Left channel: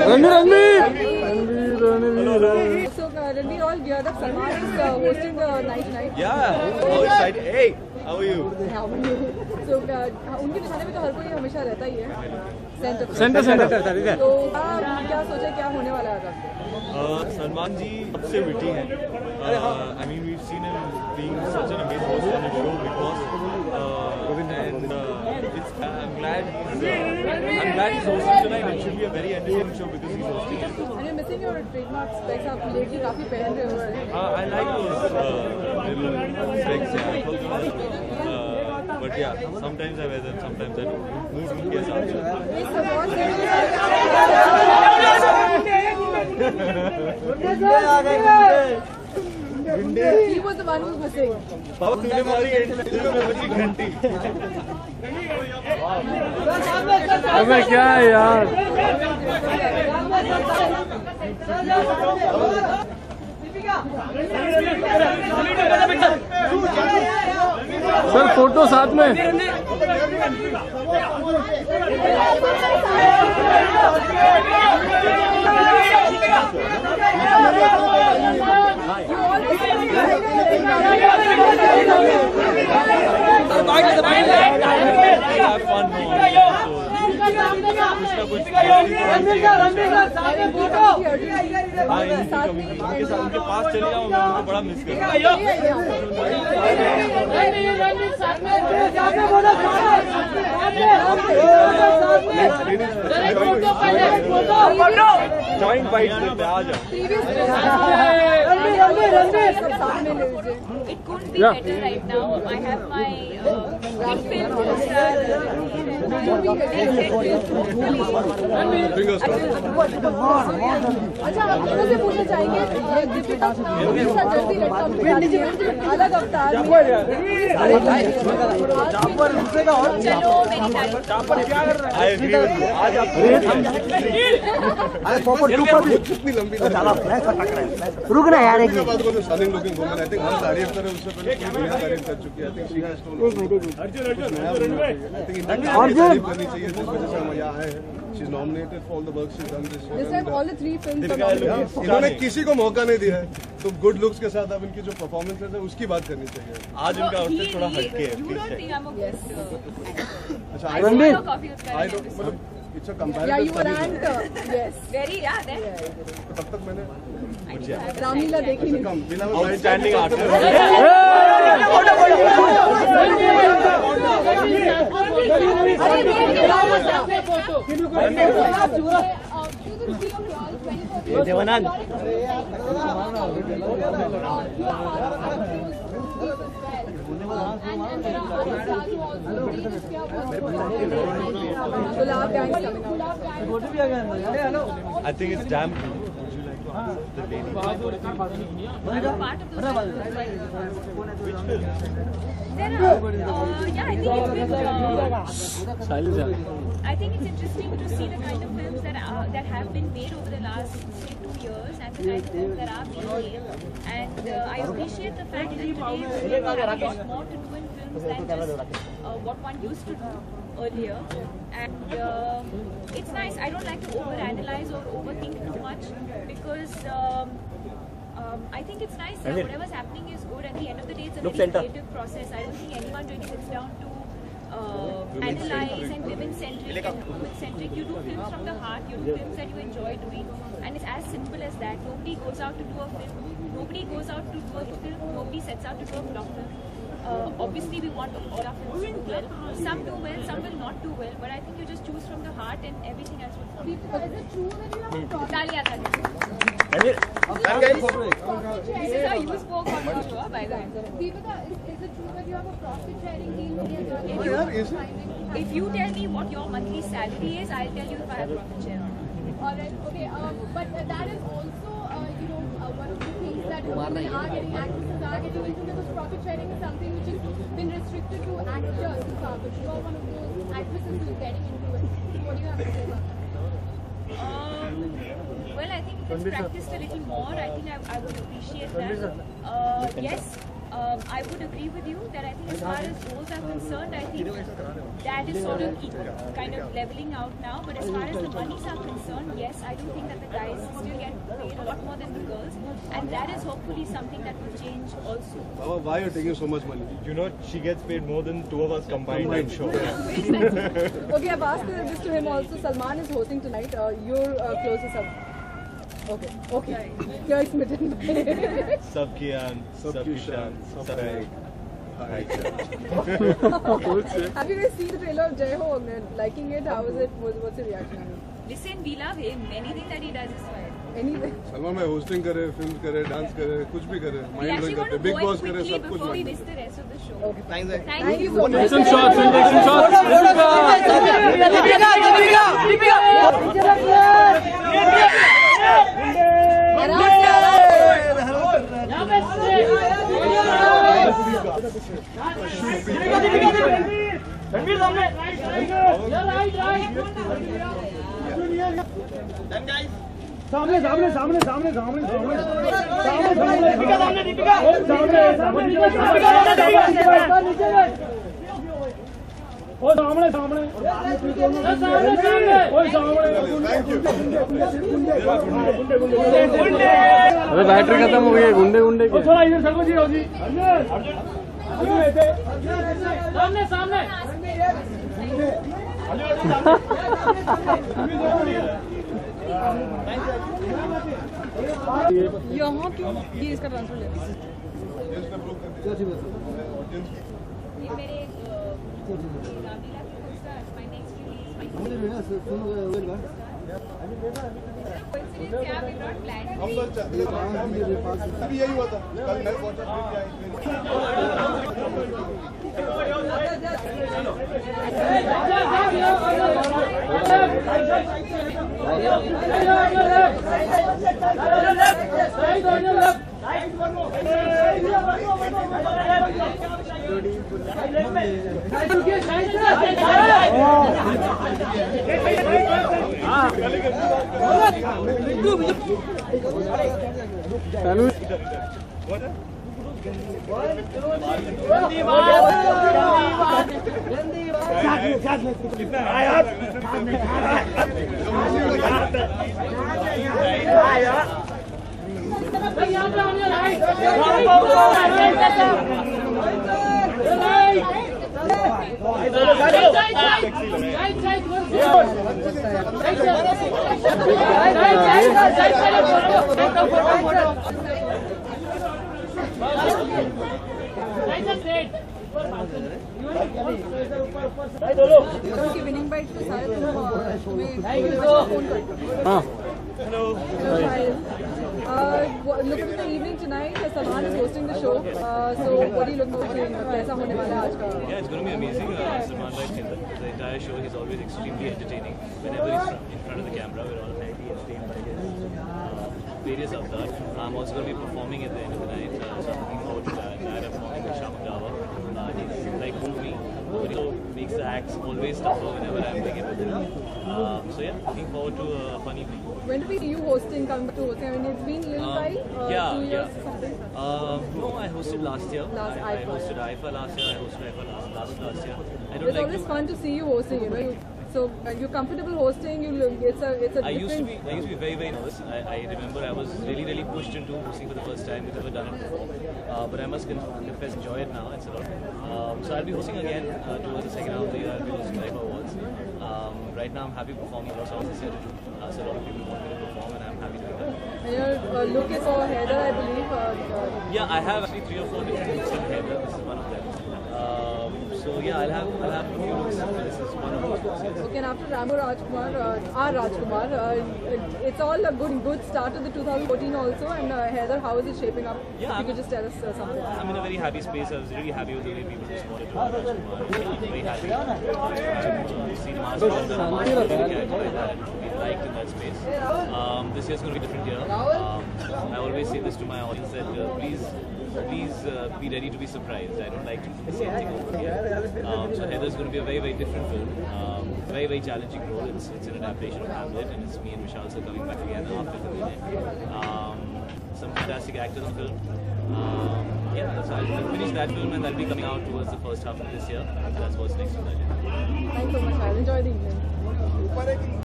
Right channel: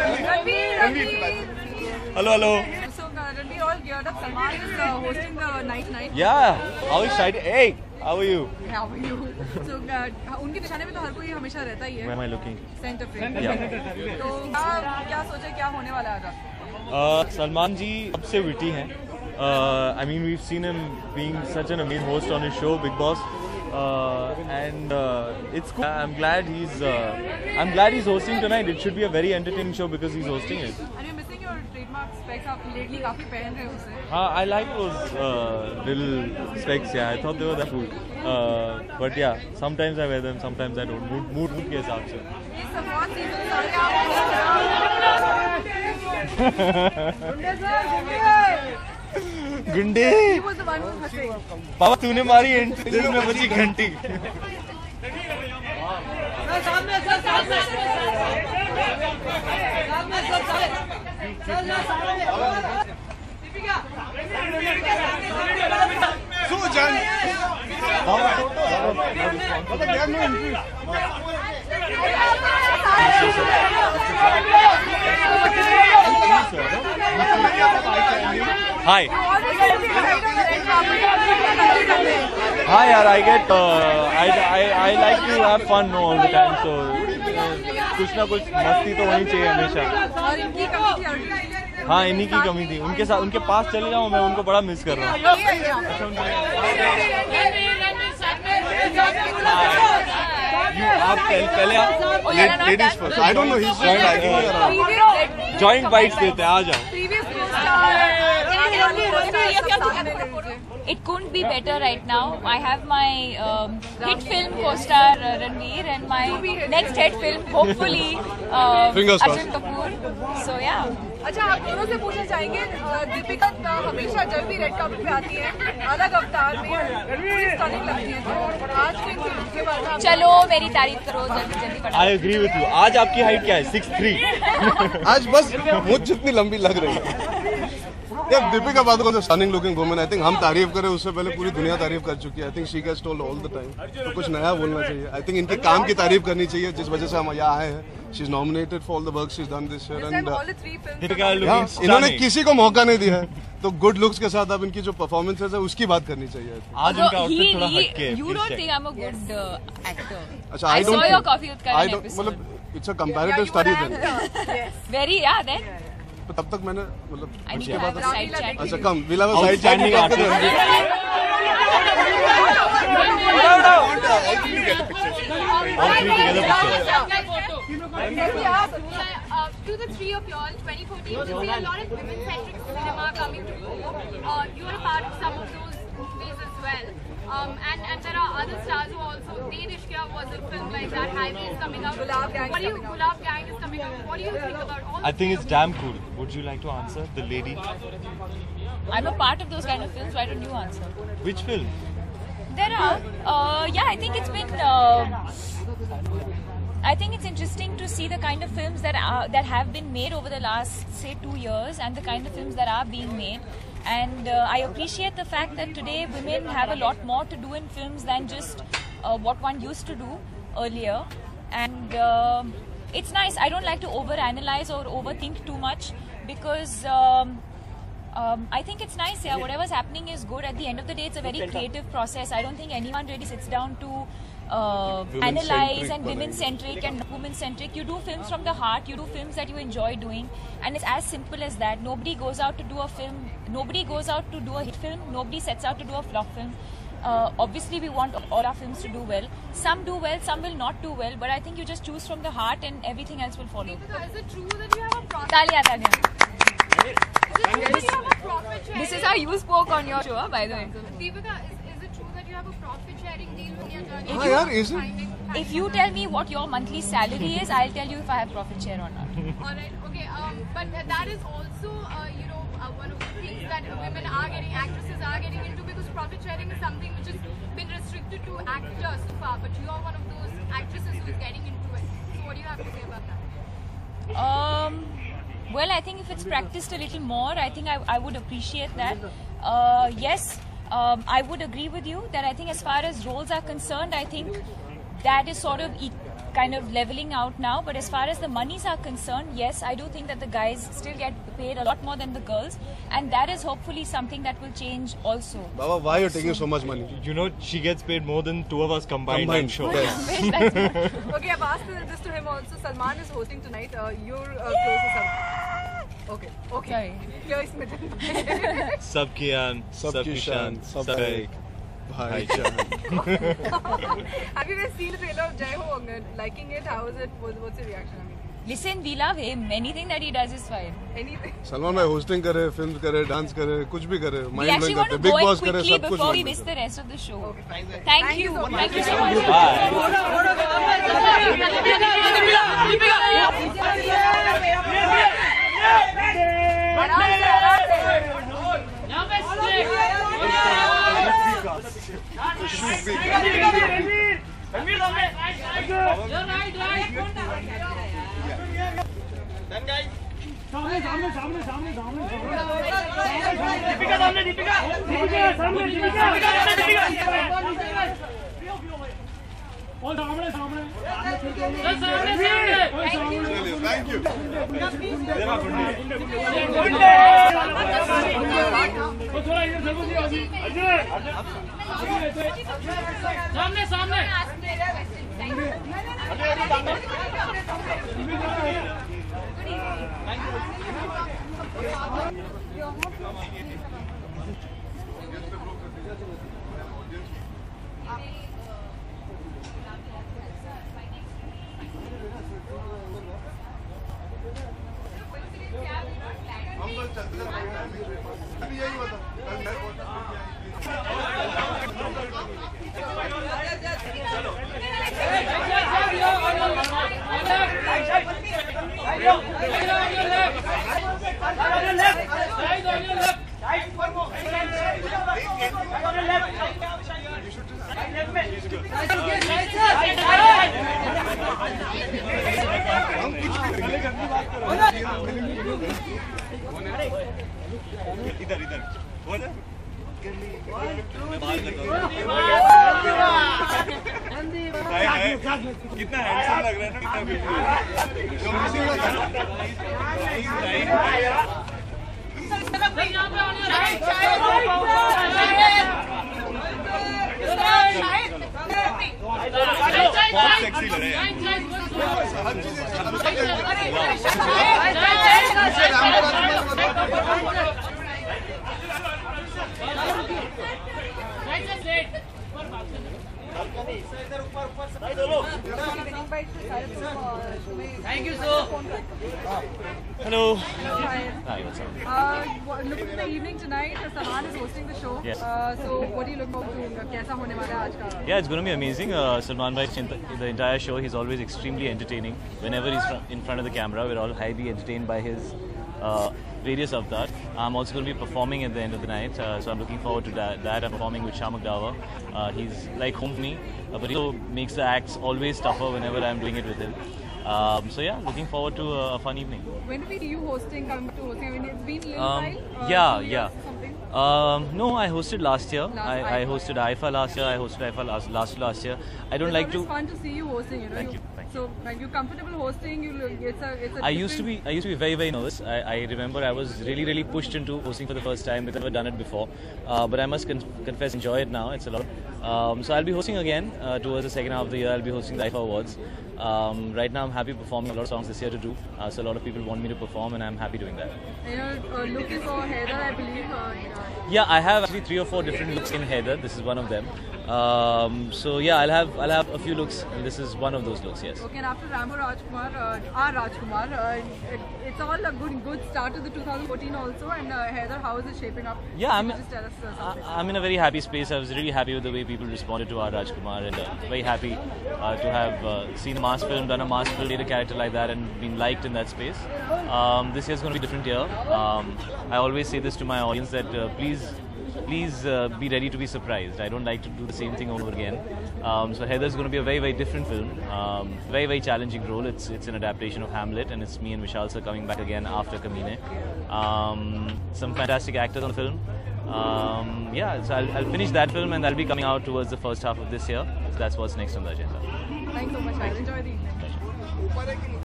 Hello. So Ranveer all geared up. Salman is hosting the night. Yeah. How excited? Hey, how are you? How are you? So उनके दिखाने में तो हर कोई हमेशा रहता ही है. Where am I looking? Centre करता है. तो क्या सोचा क्या होने वाला है आज आपको? Salman ji सबसे witty हैं. I mean, we've seen him being such an amazing host on his show Big Boss, and I'm glad he's hosting tonight. It should be a very entertaining show because he's hosting it. Are you missing your trademark specs? आप lately काफी पहन रहे हो. I like those little specs. Yeah, I thought they were cool. But yeah, sometimes I wear them, sometimes I don't. Mood के हिसाब से. It's a बहुत भिंडी बाबा तूने मारी एंट्री में बची घंटी. अबे क्या है यार. सर फोटो साथ में. Hi. Hi, yaar. I like to have fun all the time. So कुछ ना कुछ मस्ती तो होनी चाहिए हमेशा. हाँ, इन्हीं की कमी थी. उनके साथ उनके पास चले जाओ, मैं उनको बड़ा मिस कर रहा हूँ. जॉइंट बाइट्स देते हैं. आ जाओ. It couldn't be better right now. I have my hit film co-star Ranveer and my next hit film hopefully Arjun Kapoor. So yeah. अच्छा, आप दोनों से पूछना चाहेंगे दीपिका हमेशा जल्दी रेड कार्पेट पे आती है अलग अवतार में. चलो मेरी तारीफ करो. I agree with you. आज आपकी रेट क्या है? 6'3". आज बस मुझ जितनी लंबी लग रही है. दीपिका पादुकोण तो stunning looking woman. I think हम तारीफ करें उससे पहले पूरी दुनिया तारीफ कर चुकी है. I think she has told all the time. कुछ नया बोलना चाहिए. आई थिंक इनके काम की तारीफ करनी चाहिए जिस वजह से हम यहाँ आए हैं. She is nominated for all the work she has done this year. इन्होंने किसी को मौका नहीं दिया है. तो गुड लुक्स के साथ अब इनकी जो परफॉर्मेंसेस है उसकी बात करनी चाहिए. आज उनका आउटफिट थोड़ा हटके है. You don't think I'm a good actor? अच्छा, I saw your Coffee with Karan episode. मतलब it's a comparative study. Very yeah then. तब तक मैंने मतलब अच्छा कम विला साइड outstanding artist. To the three of y'all, 2014, a lot of women-centric cinema coming through. You are a part of some of those movies as well. And there are other stars who also did Ishqiya was a film like that. Heidi is coming up. Gulab Gang is coming up. What do you think about all? I think it's damn cool. Would you like to answer? The lady. I'm a part of those kind of films. Why don't you answer? Which film? There are. Yeah, I think it's been. I think it's interesting to see the kind of films that have been made over the last, say, 2 years, and the kind of films that are being made. And I appreciate the fact that today women have a lot more to do in films than just what one used to do earlier. And it's nice. I don't like to overanalyze or overthink too much because I think it's nice. Yeah, whatever's happening is good. At the end of the day, it's a very creative process. I don't think anyone really sits down to analyze and women-centric and women-centric. You do films from the heart. You do films that you enjoy doing, and it's as simple as that. Nobody goes out to do a film. Nobody goes out to do a hit film. Nobody sets out to do a flop film. Obviously, we want all our films to do well. Some do well, some will not do well. But I think you just choose from the heart, and everything else will follow. Deepika, is it true that you have a profit? Talia. This is how you spoke on your show, by the way. Deepika, is it true that you have a profit sharing deal with your judge? If you tell me what your monthly salary is, I'll tell you if I have profit share or not. Alright, okay, but that is also, one of the things that women are getting, actresses are getting into, because profit sharing is something which has been restricted to actors so far, but you're one of those actresses who's getting into it. So what do you have to say about that? Well, I think if it's practiced a little more, I think I would appreciate that. Yes, I would agree with you that I think as far as roles are concerned, I think that is sort of kind of leveling out now. But as far as the monies are concerned, yes, I do think that the guys still get paid a lot more than the girls, and that is hopefully something that will change also. Baba, why are you taking so much money? You know, she gets paid more than two of us combined, I'm sure. Yes. Okay, I've asked this to him also. Salman is hosting tonight. You're closest up. Okay. Here is Mitten. Sabki Aan, Sabki Shan, Sabki Bhaichara. Have you guys seen the trailer of Jai Ho? Liking it? How was it? What's your reaction? Listen, we love him. Anything that he does is fine. Anyway. Salman bhai hosting करे, films करे, dance करे, कुछ भी करे, We mind actually blowing want to करते, big go in boss करे, quickly सब कुछ before we mind miss the rest of the show. Okay. Thank you. so much. Action shots, action shots. अरे बैटरी खत्म हो गई गुंडे गुंडे की थोड़ा इधर सर्वो जी होगी सामने सामने यहाँ की ये इसका ट्रांसफर यही हुआ था विनिंग बाइट पे सारे thank you so Hello. Look at the evening tonight. Salman is hosting the show. Yes. So what do you look forward to? कैसा होने वाला है आज का? Yeah, it's going to be amazing. Salman Bhai Chintan, the entire show, he's always extremely entertaining. Whenever he's in front of the camera, we're all highly entertained by his various avatars. I'm also going to be performing at the end of the night, so I'm looking forward to that. I'm performing with Shamak Dawa. He's like home to me, but he also makes the acts always tougher whenever I'm doing it with him. So yeah, looking forward to a fun evening. When do we see you hosting? Coming to hosting? I mean, it's been a little while. Yeah. 2 years or something. No, I hosted last year. I IFA. hosted IFA last year. I hosted IFA last year. I don't It's like always to. fun to see you hosting. You know. So when you're comfortable hosting, it's a. I used to be very nervous. I remember I was really pushed into hosting for the first time because I've never done it before. But I must confess, enjoy it now. It's a lot. So I'll be hosting again towards the second half of the year. I'll be hosting the IFA Awards. Right now I'm happy performing a lot of songs this year to do. So a lot of people want me to perform, and I'm happy doing that. You're looking for Heather, I believe. Yeah, I have actually 3 or 4 different looks in Heather. This is one of them. So yeah, I'll have a few looks. This is one of those looks. Yes. Okay, and after Ramo Rajkumar, Rajkumar, it's all a good start to the 2014 also. And Heather, how is it shaping up? Yeah, Can you just tell us something? I'm in a very happy space. I was really happy with the way people responded to R. Rajkumar, and very happy to have seen a mass film, done a mass film, played a character like that, and been liked in that space. This year's going to be a different year. I always say this to my audience that please be ready to be surprised. I don't like to do the same thing over again. So Heather's going to be a very different film. Very challenging role. It's an adaptation of Hamlet, and it's me and Vishal sir coming back again after Kabine. Some fantastic actors on the film. Yeah, so I'll finish that film, and that'll be coming out towards the first half of this year. So that's what's next on the agenda. Thanks so much. I'll enjoy the evening.